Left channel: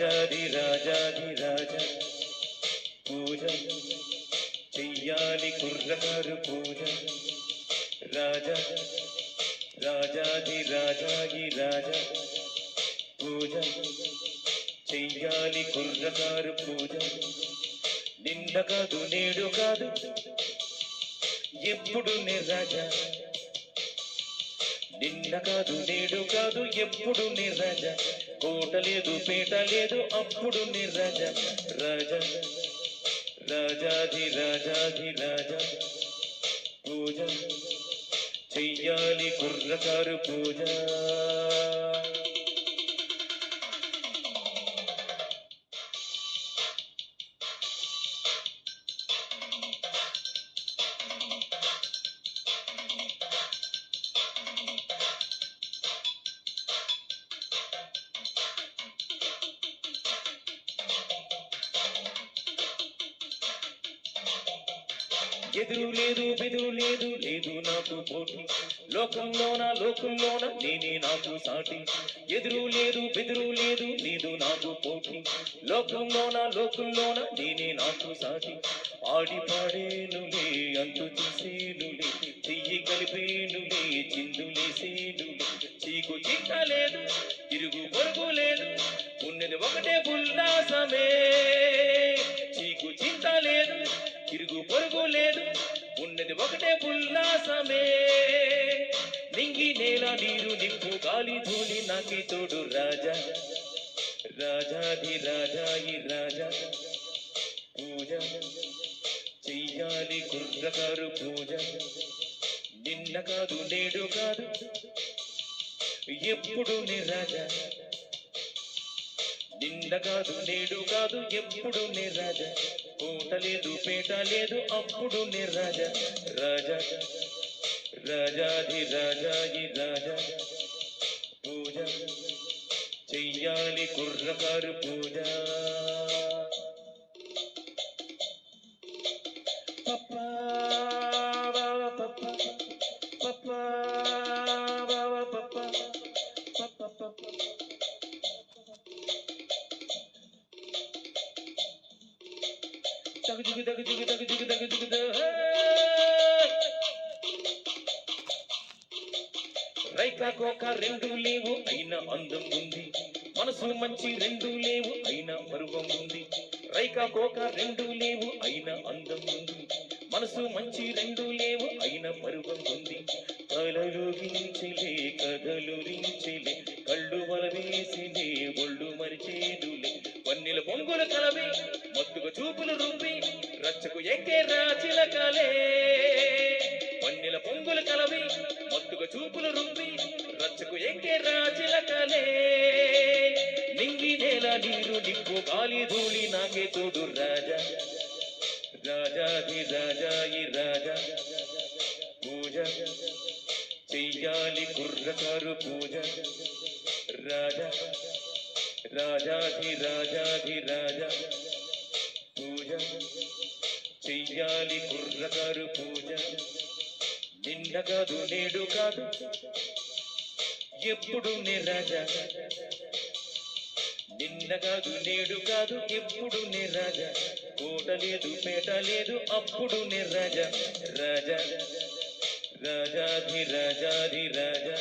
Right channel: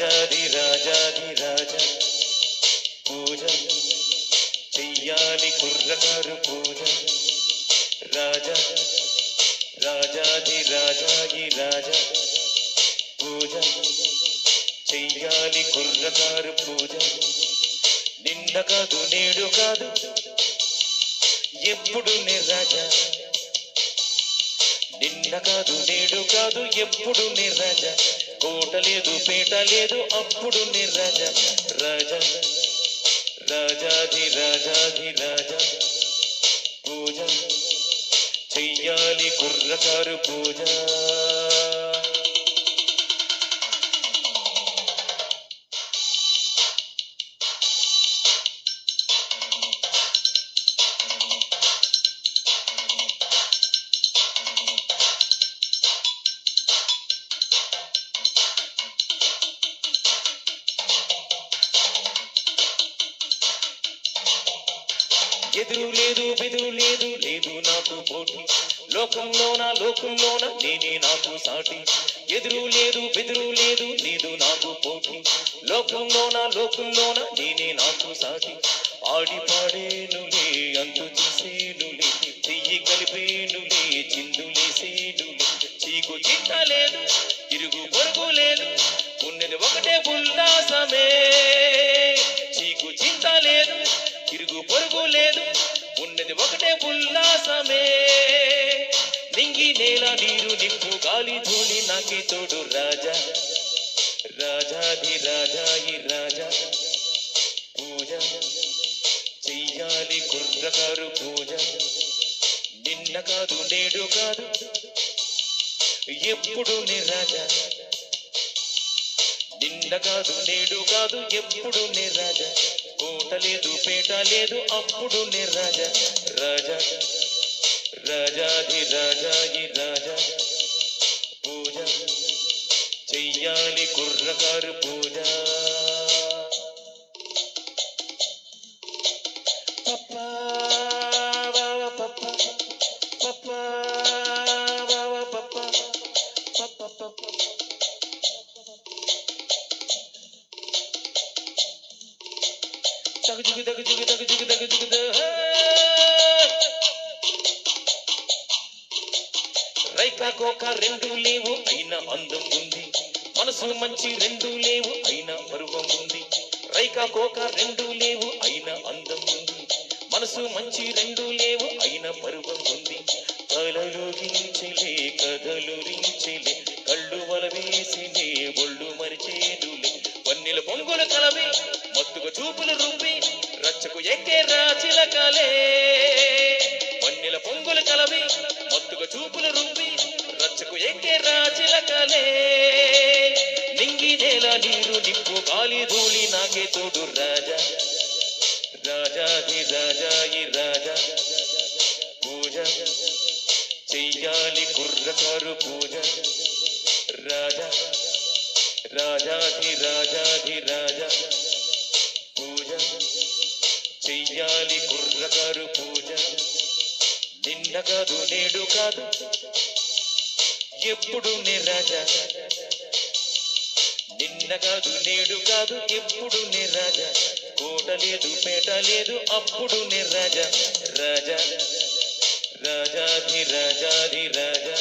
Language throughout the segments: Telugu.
రాజాది రాజాది రాజా పూజ చెయ్యాలి కుర్రకారు పూజ రాజా రాజాది రాజాది రాజా పూజ చెయ్యాలి కుర్రకారు పూజ నిన్న కాదు నేడు కాదు ఎప్పుడు నే రాజా నిన్న కాదు నేడు కాదు ఎప్పుడు నే రాజా కోట లేదు పేట లేదు అప్పుడు నే రాజా రాజా రాజాది రాజాది రాజా పూజ చెయ్యాలి కుర్రకారు పూజ ఎదురు లేదు బెదురు లేదు లేదు నాకు పోటీ లోకంలోన నేనే నాకు సాటి ఎదురు లేదు బెదురు లేదు లేదు నాకు పోటీ లోకంలోన నేనే నాకు సాటి ఆడి పాడేనులే అంతు చూసేనులే చెయ్యి కలిపేనులే చిందులేసేనులే చీకు చిట్ట లేదు తిరుగు పొరుగు లేదు ఉన్నది ఒకటే ఉల్లాసమే చీకు చింత లేదు తిరుగు పొరుగు లేదు ఉన్నది ఒకటే ఉల్లాసమే నింగి నేల నీరు నిప్పు గాలి ధూళి నాకి తోడు రాజా రాజాది రాజాయి రాజా పూజ చెయ్యాలి కుర్రకారు పూజ నిన్న కాదు నేడు కాదు ఎప్పుడు నే రాజా నిన్న కాదు నేడు కాదు ఎప్పుడు నే రాజా కోట లేదు పేట లేదు అప్పుడు నే రాజా రాజా రాజాది రాజాది రాజా పూజ చెయ్యాలి కుర్రకారు పూజ పప్పా పప్పా పప్పా పప్పా పప్పా రైకా కోక రెండు లేవు అయినా అందం ఉంది మనసు మంచి రెండు లేవు అయినా పరువం ఉంది రైకా కోక రెండు లేవు అయినా అందం ఉంది మనసు మంచి రెండు లేవు అయినా పరువం ఉంది కలలుగించలే కథలు రించలే కళ్ళు వలవేసిలే ఒళ్ళు మరిచేదులే పన్నెల పొంగుల కలవే మత్తుగా చూపులు రుబ్బి రచ్చకు ఎక్కే రాచిలకలే పన్నెల పొంగుల కలవి మత్తుగా చూపులు రుబ్బి రచ్చకు ఎక్కే రాచిలకలే నింగి నేల నీరు నిప్పు గాలి ధూళి నాకే తోడు రాజా రాజాది రాజాయి రాజా పూజ చెయ్యాలి కుర్రకారు పూజ రాజా రాజాది రాజాది రాజా పూజ చెయ్యాలి కుర్రకారు పూజ నిన్న కాదు నేడు కాదు ఎప్పుడు నే రాజా నిన్న కాదు నేడు కాదు ఎప్పుడు నే రాజా కోట లేదు పేట లేదు అప్పుడు నే రాజా రాజా రాజాది రాజాది రాజా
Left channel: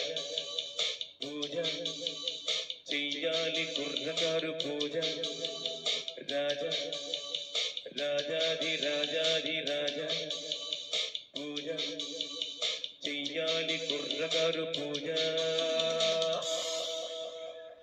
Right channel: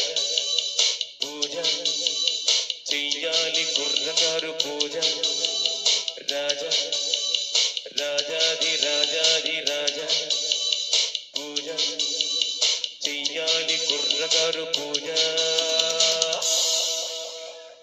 పూజ చెయ్యాలి కుర్రకారు పూజ రాజా రాజాది రాజాది రాజా పూజ చెయ్యాలి కుర్రకారు పూజ